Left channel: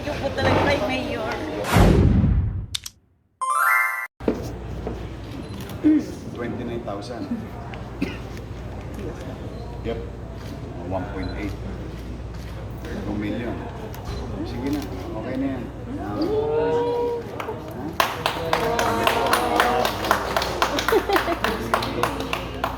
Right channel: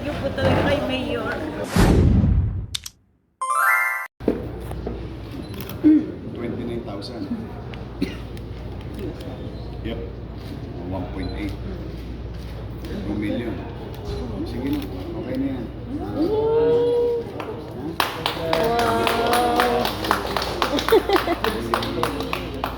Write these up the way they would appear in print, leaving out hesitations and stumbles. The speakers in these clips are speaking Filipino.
thank you po talaga kay Mayor. 29,000. Yep. 1.8. 2 million. Sige na. Okay na yan.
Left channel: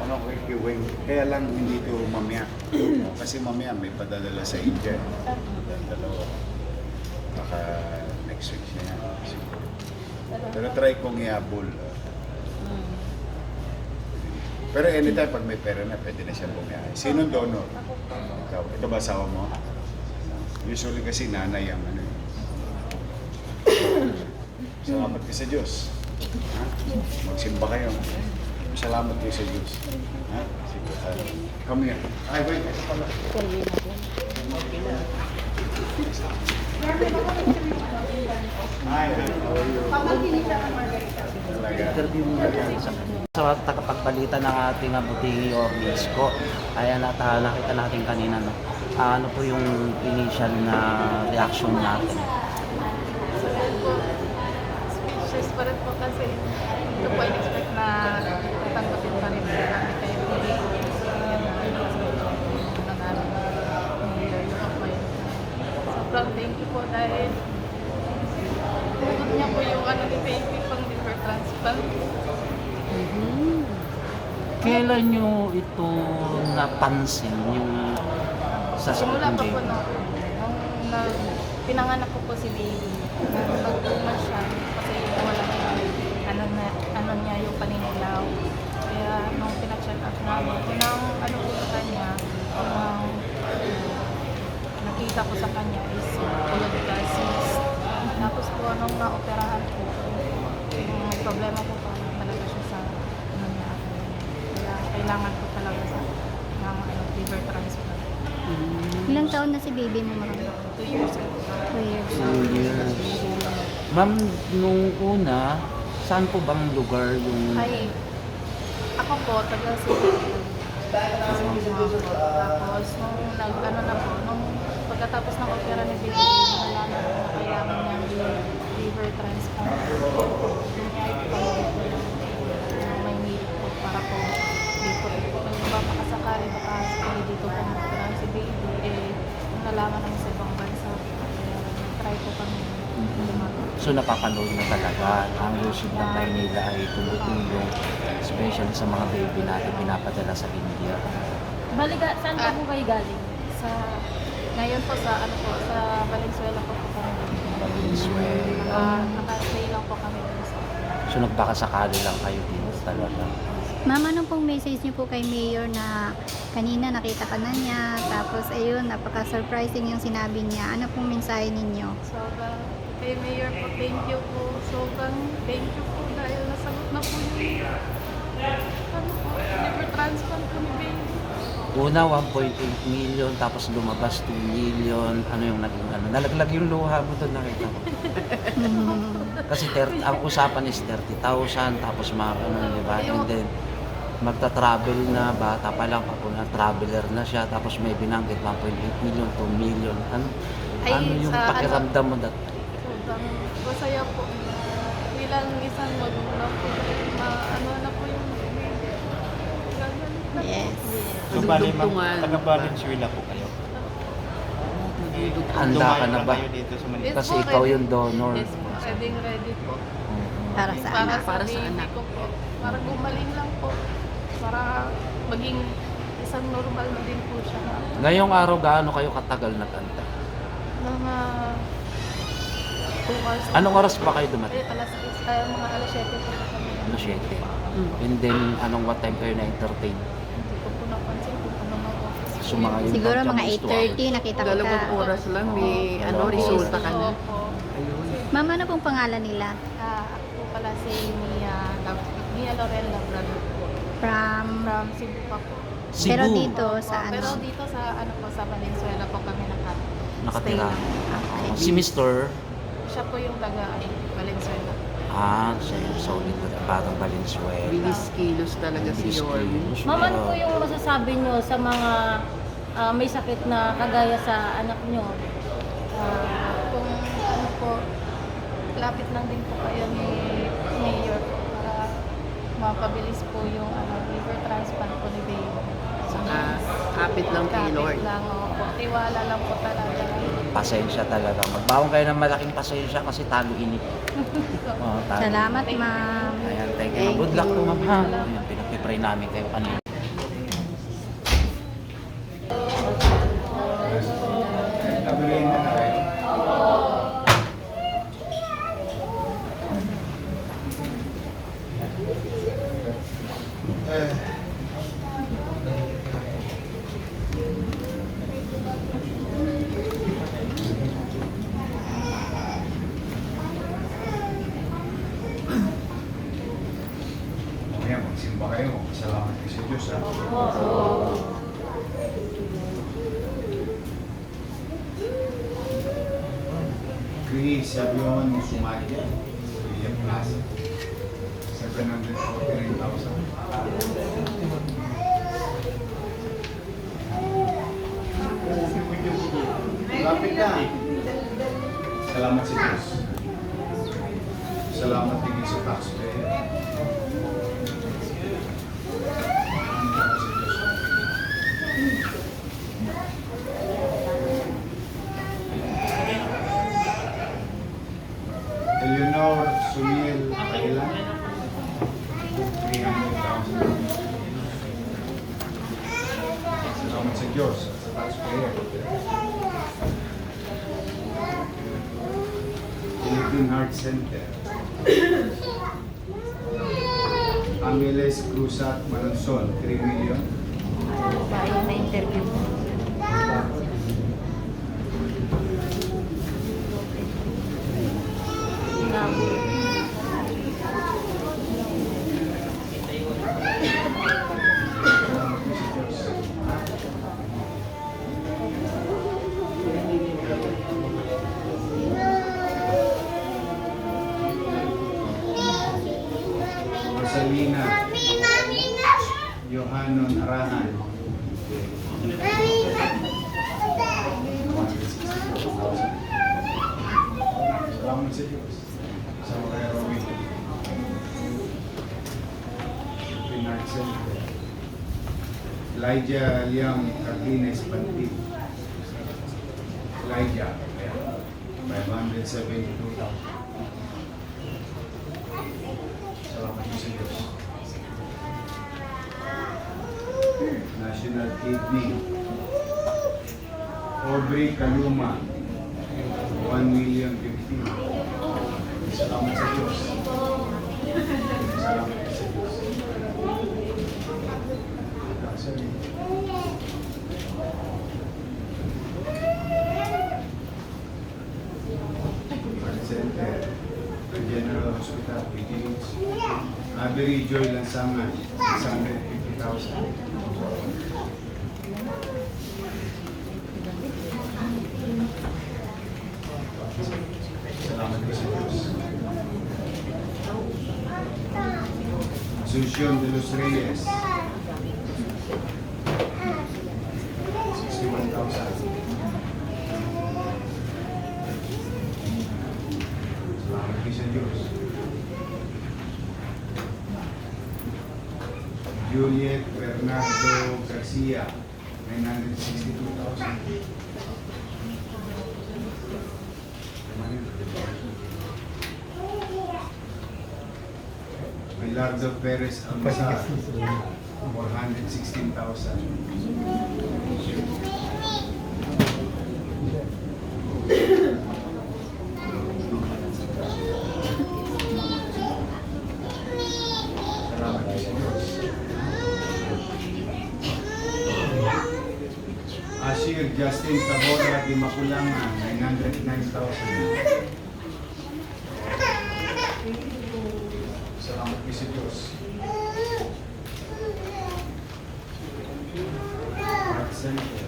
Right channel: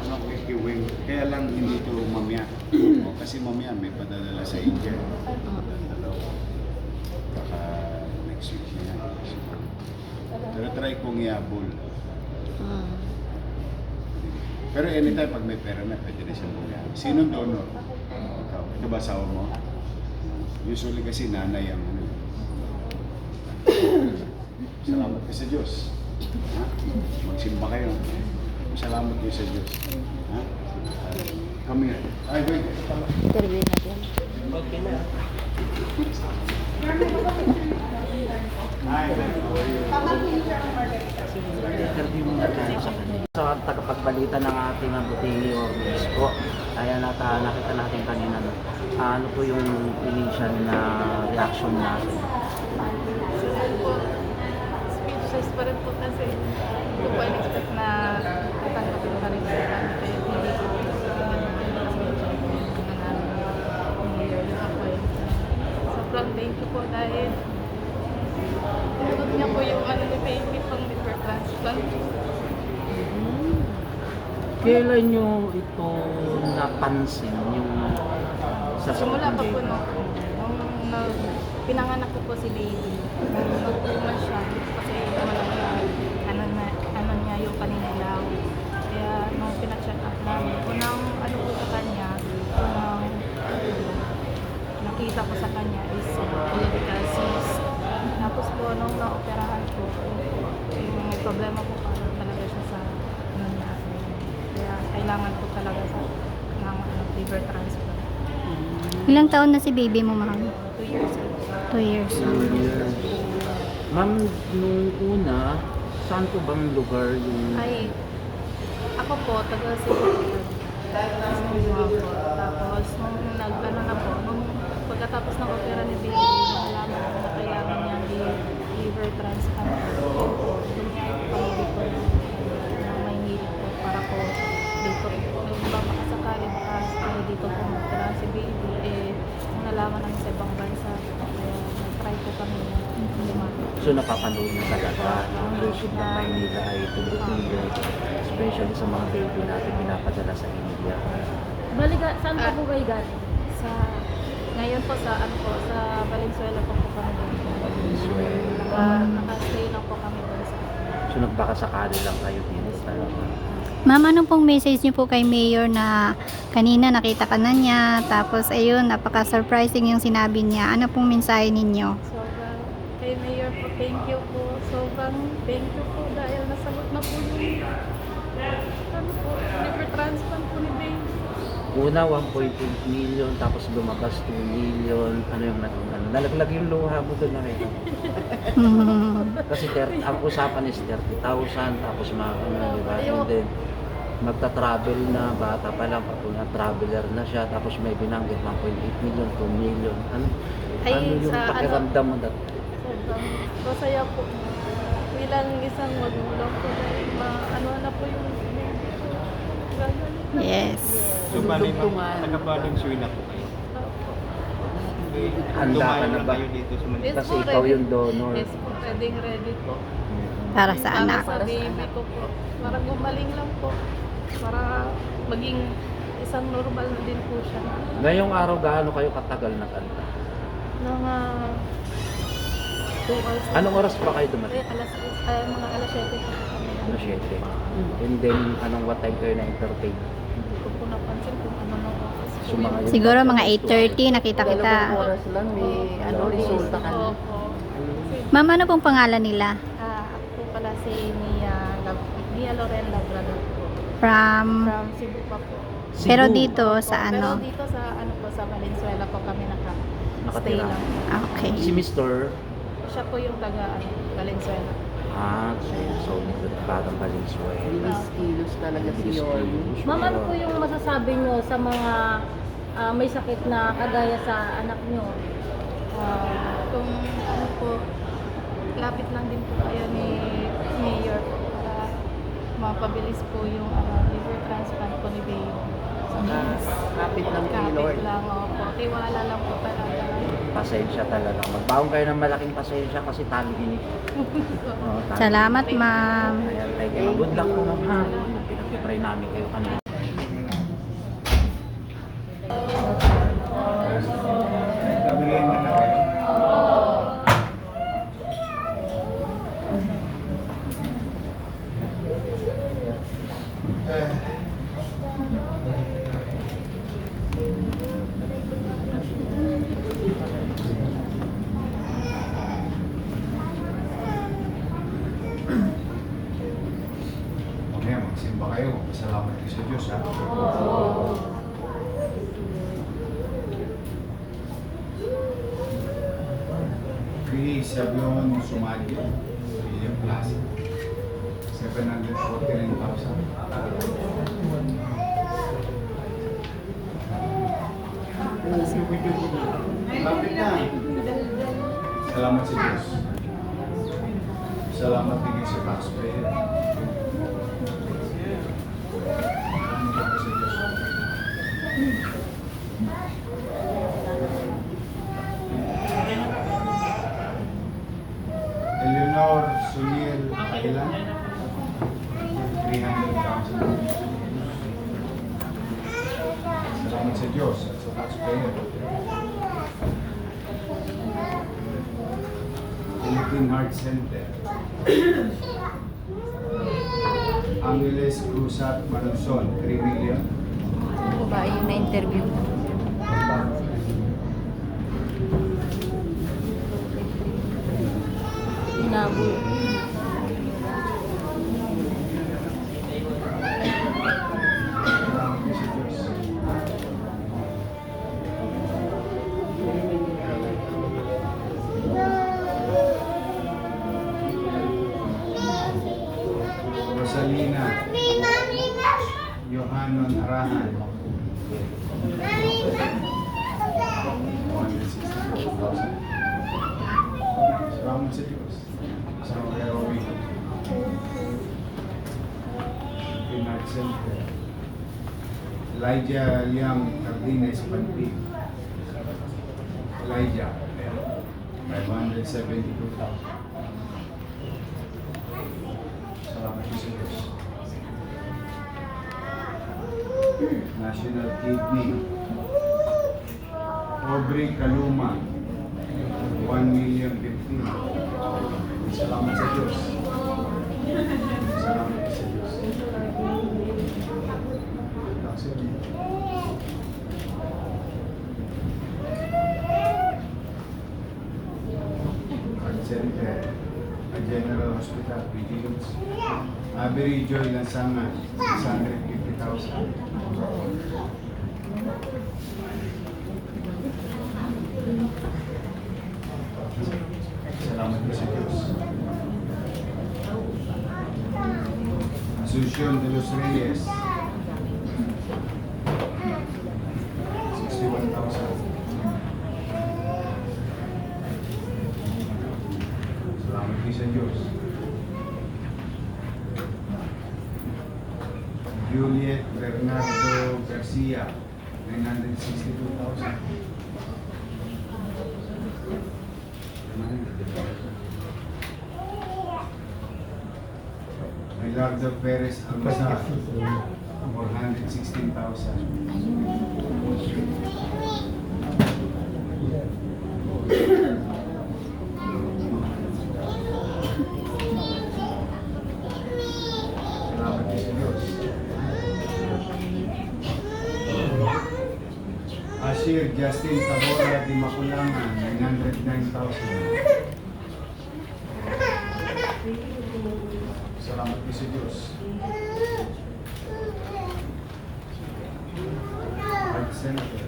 Ano kay Kiwing? Kaya lang hindi ito mamaya. Kasi mamaya may padadala sa India. Dalawa. Baka next week na yan. Pero try kong iabol. Pero anytime pag may pera na, pwede na siyang bumiyahe. Sinong donor? Ikaw. Ito ba asawa mo? Usually kasi nanay ang ano. Salamat kayo sa Diyos. Ha? Magsimba kayo. Salamat kayo sa Diyos. Ha? Sige tayo. Come here. Ay, wait. Ito pala. Hi, how are you? Sa tagapagbalita ng ating Buti Orleans po, kaya nakita natin kanina, no? Ano po yung initial na reaction natin? Speechless pa rin po kasi ito po in-expect na tatanggapin pa rin po kami kayo hindi po yan na namin Mayor yung appointment. Sobrang thank you po dahil pinutod niya po yung ano ni baby pang liver transplant. Kailan nyo ito napansin yung sa Simula pa po nung pinanganak ko po si baby, nung nag-2 siya kasi nawala yung ano niya yung paninilaw. Kaya nung pina-check up namin, unang ano po sa kanya, unang nakita ko sa kanya is colorectal cyst. Tapos po nung naoperahan ko, yung may problema po pa talaga siya sa ano niya. Kaya kailangan ko talaga sa ng liver transplant. Ilang taon na si baby mo, ma'am? 2 years ago. 2 years. 2 years. Ma'am, nung una, saan po bang lugar yung... Ay, ako po, taga Cebu. Tapos, nung nag-ano na po, nung pagkatapos ng opera ni baby, nalaman ko na kailangan niyang liver transplant. Lumiyay po kami dito ng Maynila po para po dito. Nagpapakasakali baka sakali dito po mag-opera si baby. Nung nalaman namin sa ibang bansa, kaya nag-try po kami lumapit. So napapanood mo talaga ang lungsod ng Maynila ay tumutuloy, especially sa mga baby natin pinapadala sa India. Saan po kayo galing? Ngayon po sa ano po, sa Valenzuela po kami doon. Naka-stay lang po kami doon sa. So nagbakasakali lang kayo dito talaga. Ma'am, anong pong message niyo po kay Mayor na kanina nakita ka na niya, tapos ayun, napaka-surprising yung sinabi niya. Ano pong mensahe ninyo? Sobrang kay Mayor po, thank you po. Sobrang thank you po dahil nasagot na po yung ano po, liver transplant po ni baby. Una 1.8 million, tapos lumabas 2 million. Ano yung nalaglag yung luha mo doon nakita ko. Kasi ang usapan is 30,000, tapos mga di ba? And then magta-travel na, bata pa lang, traveler na siya, tapos may binanggit 1.8 million, 2 million. Ano yung sa pakiramdam mo dat? Sobrang masaya po. Bilang isang magulang po dahil ano na po yung baby ko. Gagalit na Yes. po. Taga-Valenzuela po kayo. Handa ka na ba? Kayo dito sa Manila. Yes Kasi po, ikaw ready. yung donor. Yes po, ready po. Para sa Para anak. sa baby ko po. Para gumaling lang po. Para maging isang normal na din po siya. Ngayong araw, gaano kayo katagal nagkanta? Mga 2 hours. Anong oras pa kayo Ay, dumating? mga alas 7 po kami. Alas 7. And then, what time kayo na-entertain? Hindi ko po napansin kung ano ng oras po So, mga yun. Siguro mga 8:30 nakita kita. Dalawang oras lang, may resulta ka na. Opo. Ma'am, ano pong pangalan nila? Ako po pala si Mia Loren Labrador po. From... From Cebu pa po. Cebu. Pero dito Opo, sa Pero ano? dito sa ano po sa Valenzuela po kami stay Nakatira. lang. Okay. Si Mr. Siya po yung taga Valenzuela. siya yung solid parang Valenzuela. Bilis-kilos talaga si Lord. Ma'am, ano po yung masasabi nyo sa mga may sakit na kagaya sa anak nyo? Kung ilapit lang din po kayo ni Mayor po para mapabilis po yung liver transplant po ni Baby. So, Kapit lang kay kapit Lord. lang, opo. Tiwala lang po talaga. Pasensya talaga. Magbaon kayo ng malaking pasensya kasi tangin. Salamat, ma'am. Ayan, thank you. Good luck po, ma'am. Salamat. Ayan, pinag-pray namin kayo. Ano? Nabulayin na na kayo. Mamaya magsimba kayo. Salamat kayo sa Diyos, ha? Chris Avion Sumagi, William Plaza, 749,000. Lapit na. Salamat sa Diyos. Salamat din sa taxpayer. Salamat sa Diyos. Eleanor Sumil Akila, 300,000. Salamat sa Diyos at sa taxpayer. Philippine Heart Center. Angeles Cruzat Manunson, 3 million. Dahil na interview. Salamat po sa Diyos. Rosalina Johanon Arahan, 264,000. Salamat sa Diyos. Sa mga Rowing. Pinag Center. Elijah Liam Cardenes Banti. Elijah. 572,000. Salamat po sa Diyos. National Kidney. Aubrey Kaluma. 1,015,000. Salamat sa Diyos. Salamat po sa Diyos. Actually, Heart Center, General Hospital, PGH. Avery Joy Lansangan, 650,000. Salamat po sa Diyos. Asuncion de los Reyes, 61,000. Salamat po sa Diyos. Juliet Bernardo Garcia, 962,000. Milardo Perez Almazar, 416,000. Salamat po sa Diyos. Ashir Justin Tabora di Maculangan, 909,000. Salamat po sa Diyos. Heart Center.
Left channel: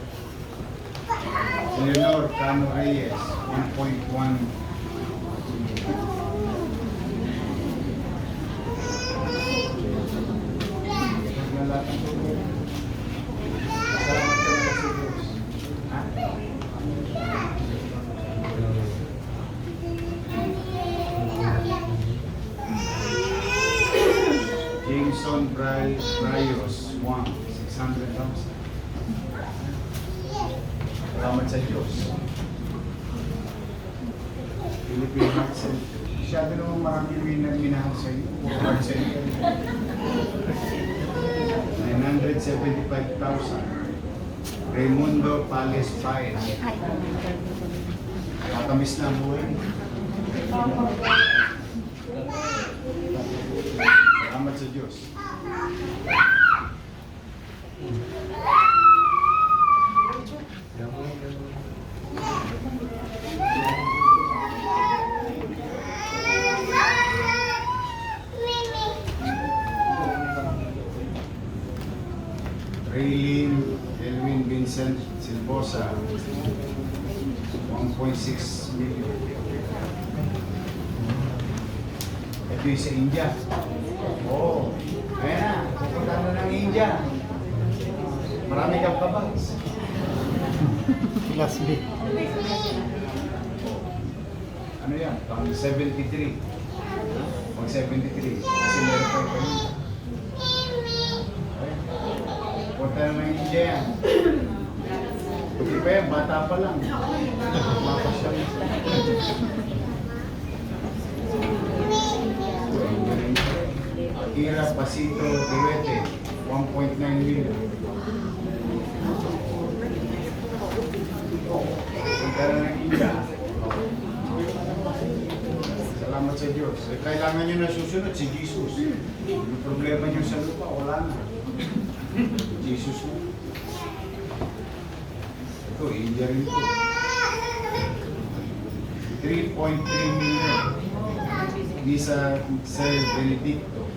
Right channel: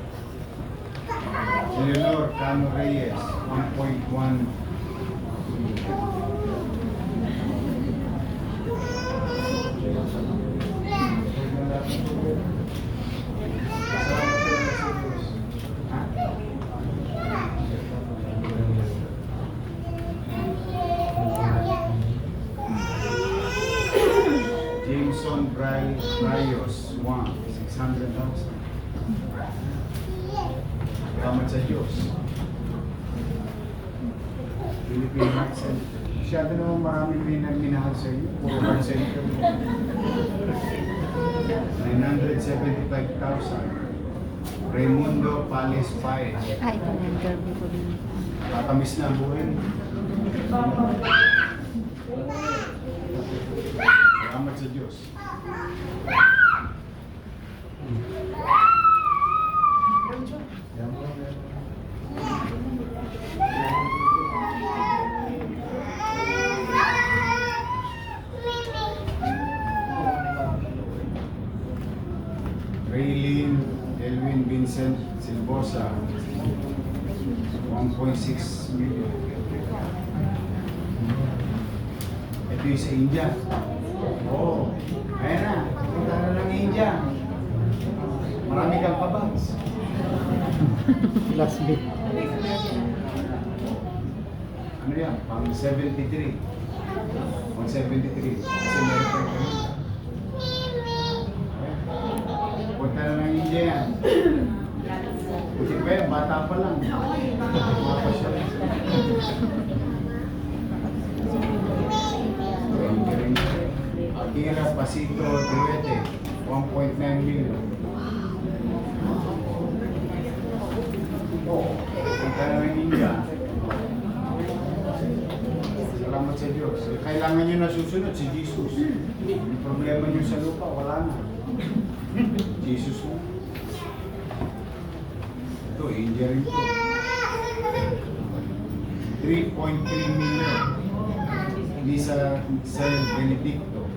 Eleanor Cano Reyes, 1.1 million. Salamat po sa Diyos. Ha? Wang, 600,000. Salamat sa Diyos. Philippine Heart Center. Masyado naman marami minahal sa inyo. Puro Heart Center. 975,000. Raimundo Pales Paez. Ay, interview ko rin. Tatamis na ang buhay. Salamat sa Diyos. Raylene Elwin Vincent Silbosa, 1.6 million. Ito yung sa India. Oo. Ayan na. Punta na ng India. Marami kang kabags. Last bit. Ano yan? Pang 73. Pang 73. Kasi meron pa yung kanina. Punta na ng India yan. Buti pa yan, bata pa lang. Mapasyal. Akira Pasito Duete, 1.9 million. Punta na ng India. Salamat sa Diyos. Kailangan nyo na susunod si Jesus. Yung problema nyo sa lupa, wala na. Jesus mo. Ito, India rin to. 3.3 million. Hindi sa Benedicto.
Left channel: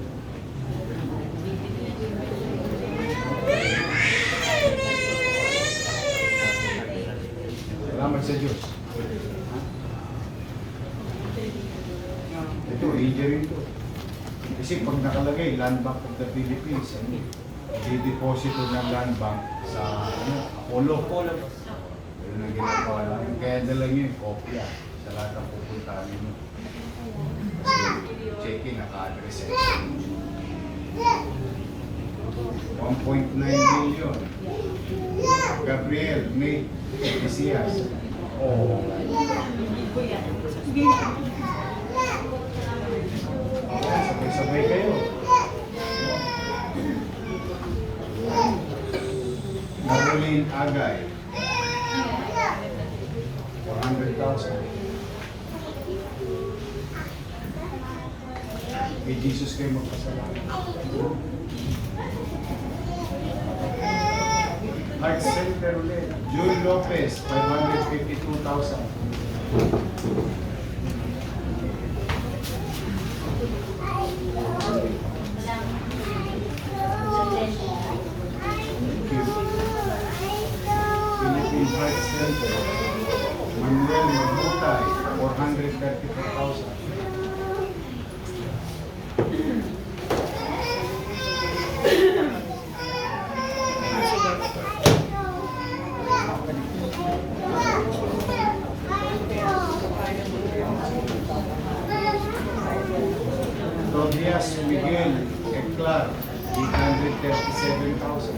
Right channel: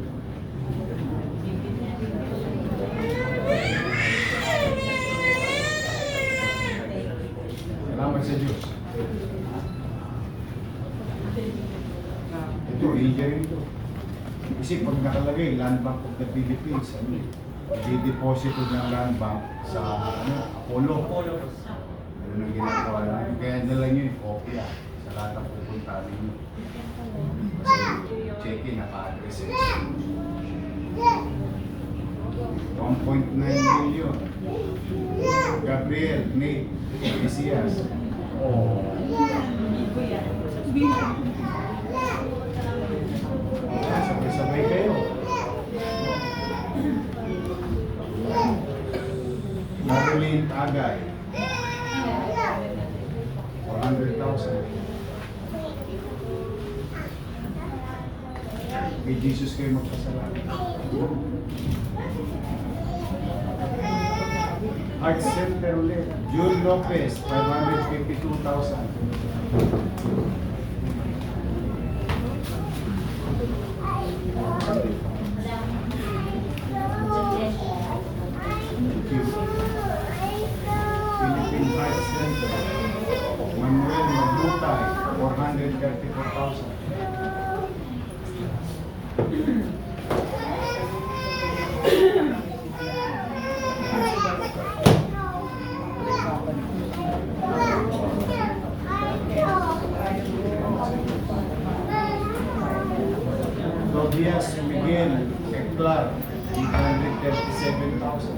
Salamat sa Diyos. Ito, India rin to. Kasi pag nakalagay, Land Bank of the Philippines, i-deposito ng Land Bank sa Apollo. Yun ang ginagawa namin. Kaya dala nyo yung kopya sa lahat ng pupuntahan nyo. Kasi check-in, naka-address eh. 1.9 million. Gabriel May Mesias. Oh. Sabay-sabay kayo. Marilyn Agay. 400,000. Kay Jesus kayo magpasalamat. Heart Center ulit. June Lopez, 552,000. Philippine Heart Center. Manuel Magbutay, 434,000. Tobias Miguel Eclar, 837,000.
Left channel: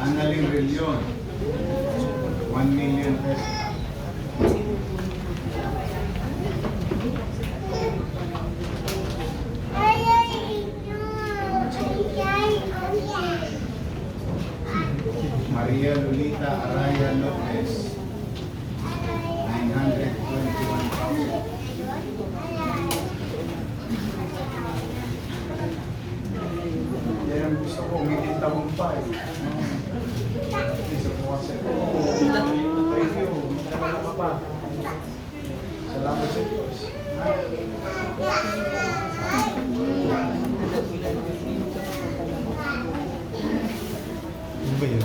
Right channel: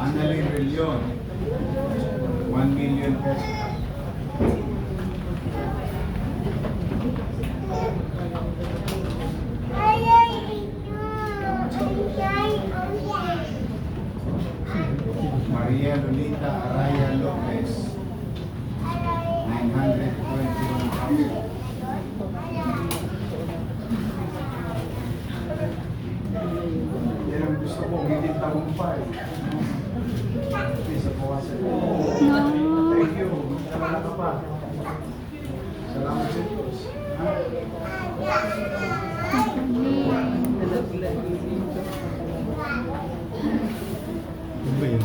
Annalyn Relion, 1 million pesos. Maria Lolita Araya Lopez, 921,000. Yan ang gusto ko, hindi tagumpay. Isa po kasi. Thank you. Salamat ka pa. Salamat sa Diyos. Ba yun?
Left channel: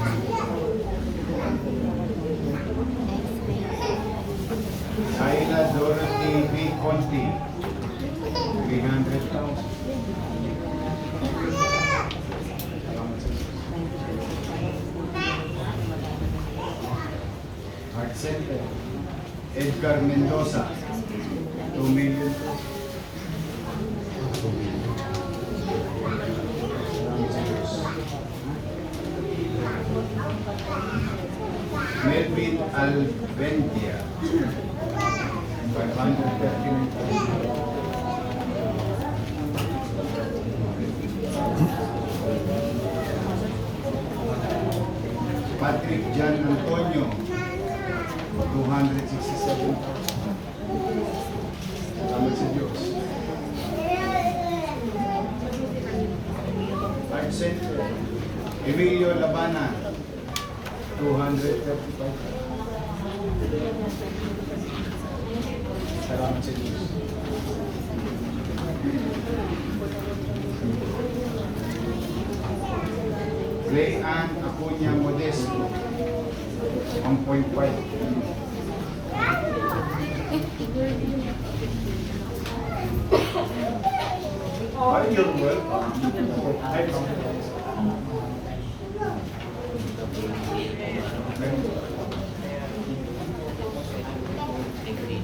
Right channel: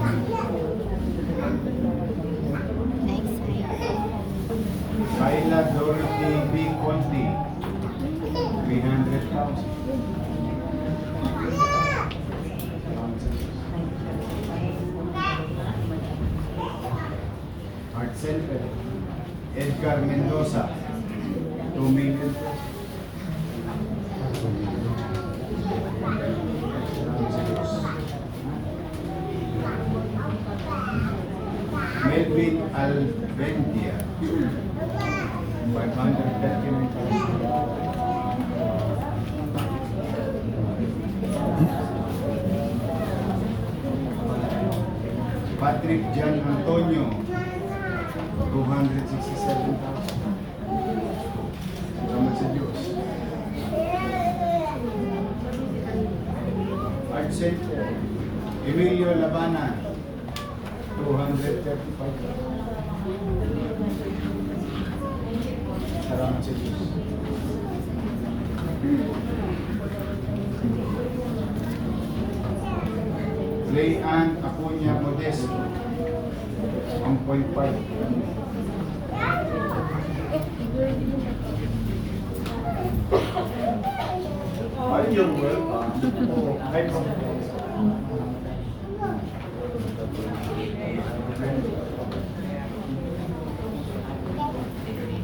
Kayla Dorothy B. Conti, 300,000. Heart Center, Edgar Mendoza, 2 million. Melvin Alvendia. 539,000. Patrick Jan Antonio. 267,000. Salamat sa Diyos. Art Center. Emilio Labana. 235,000. Salamat sa Diyos. Ray Ann Acuña Modesto. 1.5. Ay, you're welcome. Ay,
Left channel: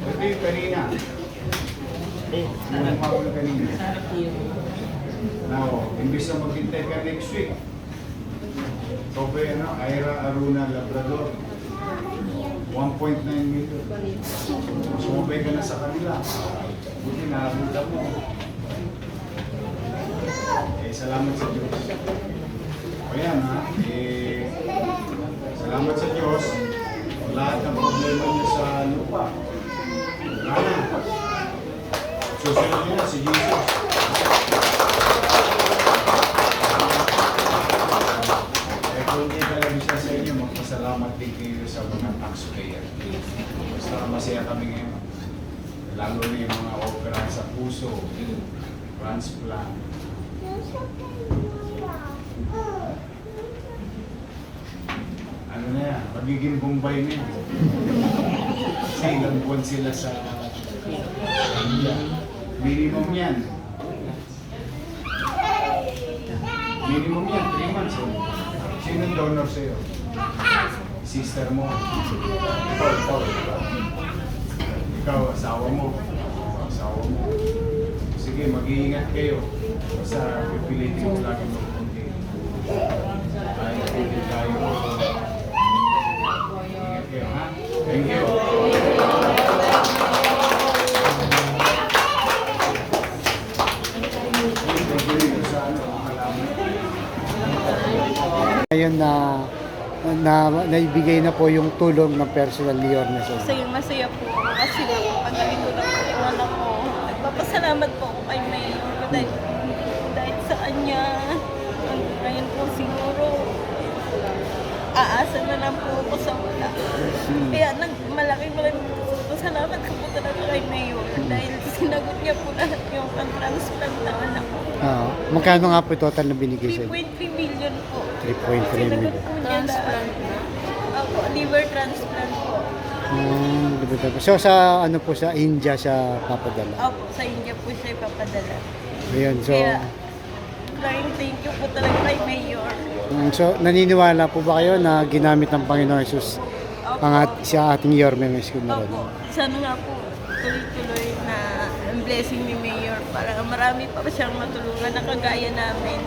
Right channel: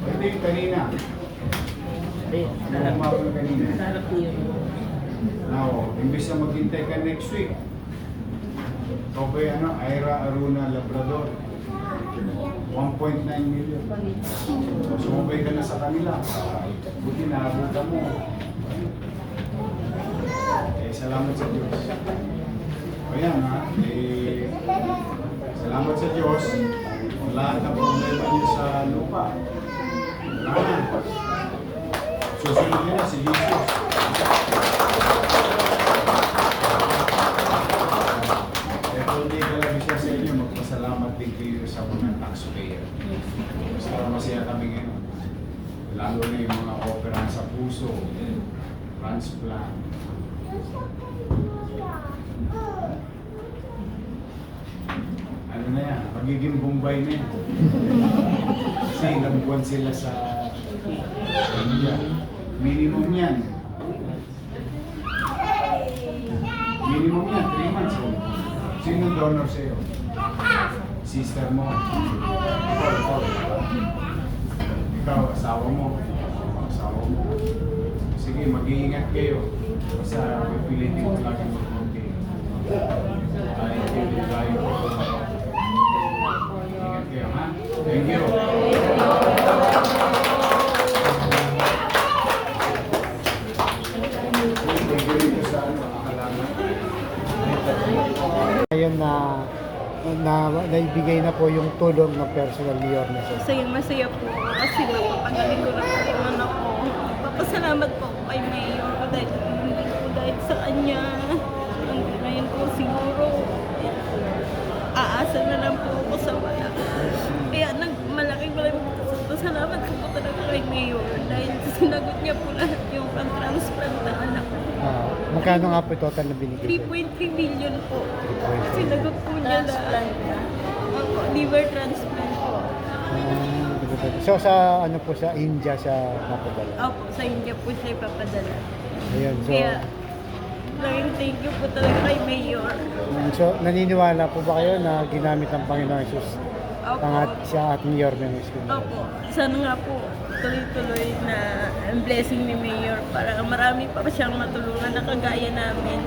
ito yung kanina. Nagmamahal kanina. Sarap yun. Now, imbis na maghintay ka next week, ikaw ba ano, Ira Aruna Labrador, 1.9 million. Sumabay ka na sa kanila. Buti nahabol mo. Salamat sa Diyos. O yan ha, salamat sa Diyos. Lahat ng problema niyo sa lupa. Wala na. Susunod niyo na si Jesus. Kung hindi talaga siya sa inyo, magpasalamat din kayo sa mga taxpayer. Basta masaya kami ngayon. Lalo na yung mga opera sa puso, transplant. Ano na yan? Magiging Bombay na yan. Kasi ilang buwan sila sa India. Minimum yan. Minimum yan, 3 months. Sino donor sa'yo? Sister mo. Ikaw, asawa mo. Asawa mo. Sige, mag-iingat kayo. Basta pipilitin ko lagi mag-conti. Kahit pipilitin tayo. Ingat kayo, ha? Thank you. Ngayon na naibigay na po yung tulong ng personal ni Yorme. Masaya po ako kasi napapagaling ko na po yung anak ko. Nagpapasalamat po ako kay Mayor dahil hindi po dahil sa kanya. Hanggang ngayon po siguro aasa na lang po ako sa wala. Kaya malaking salamat ko po talaga kay Mayor dahil sinagot niya po lahat yung pang-transplant na anak ko. Magkano nga po total na binigay sa'yo? 3.3 million po. 3.3 Sinagot million. po niya lahat. Ako, liver transplant po. So sa ano po sa India siya papadala? Opo, sa India po siya ipapadala. Ayun, so Kaya, maraming thank you po talaga kay Mayor. so naniniwala po ba kayo na ginamit ng Panginoon Jesus Opo, sa ating Yorme Isko na? opo. Sana nga po, tuloy-tuloy na ang blessing ni Mayor para marami pa siyang matulungan na kagaya namin.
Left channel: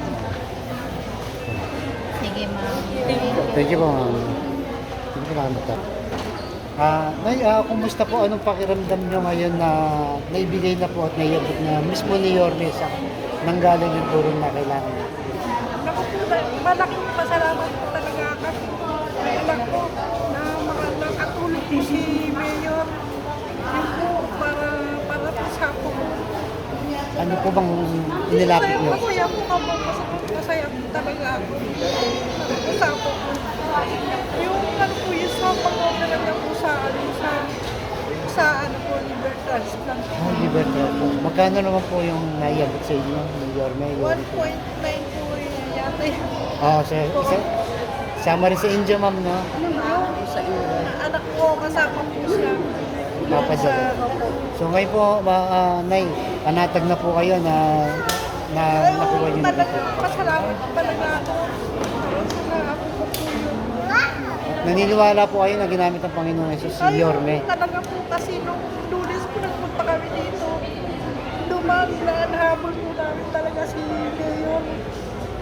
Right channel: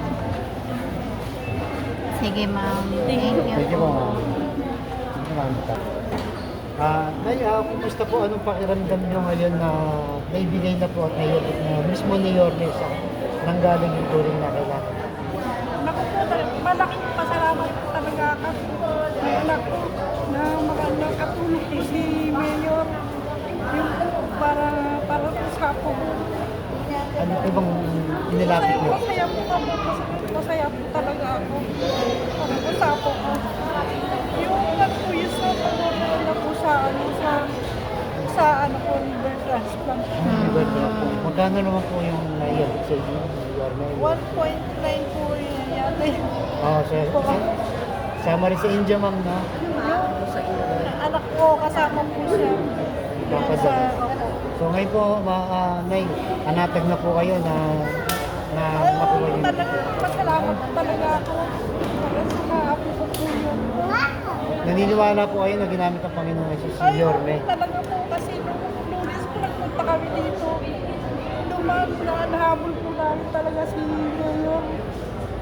Sige, ma'am. Thank you. Thank you po. Salamat po. Nay, kumusta po anong pakiramdam nyo ngayon na naibigay na po at naiabot na mismo ni Yorme sa nanggaling yung tulong na kailangan? Naku po, malaking pasalamat po talaga kasi may anak ko na nakatulog po si Mayor. Yun po, para po sa po. Ano po bang inilapit nyo? Masaya po kamo, masaya po talaga ako. Para po sa po ko. Yung ano po, yung sa pag-opera niya po sa ano po, liver transplant. Magkano naman po yung naiabot sa inyo ni Yorme? 1.9 po yun yata yun. Sama rin sa India, ma'am, no? Yung anak ko, kasama po siya. Sa, opo. So may po, Nay, panatag na po kayo na nakuha Talaga, pasalamat talaga ako. Para sa apo ko po yun. Naniniwala po kayo na ginamit ng Panginoon Jesus si Ayun, Yorme. talaga po kasi nung Lunes po nagpunta kami dito. Nahabol po namin talaga si Mayor.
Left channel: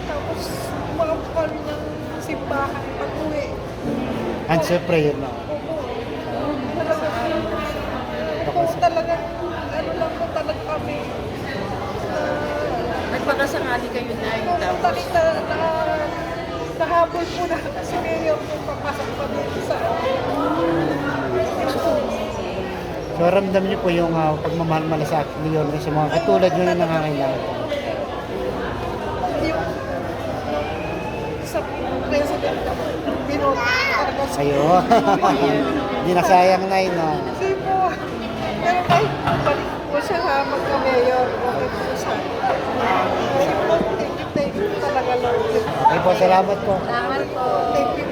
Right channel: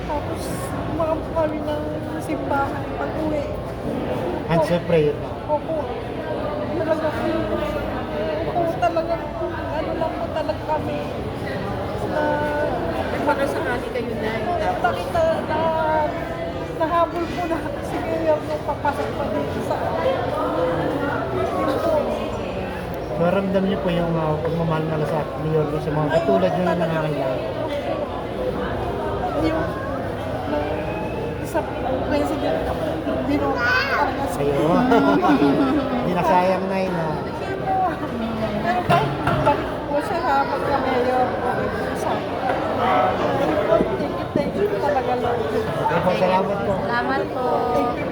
Tapos mga po kami ng simbahan pag-uwi. Answer prayer. Opo. Talaga po. Talaga, ano lang po talaga kami na Nagpakasakali kayo na nakita na nahabol po na si Mayor nung papasok pa dito sa yun po. So ramdam niyo po yung pagmamahal sa ni Yorme sa mga katulad nyo na nangangailangan. Yung sa president na po, binoto talaga sa Sa'yo. Hindi na sayang na yun. Hindi po. Pero kahit balik po siya ha, magka-mayor, okay po siya. Thank you po talaga, Lord. Salamat po. Salamat po. Thank you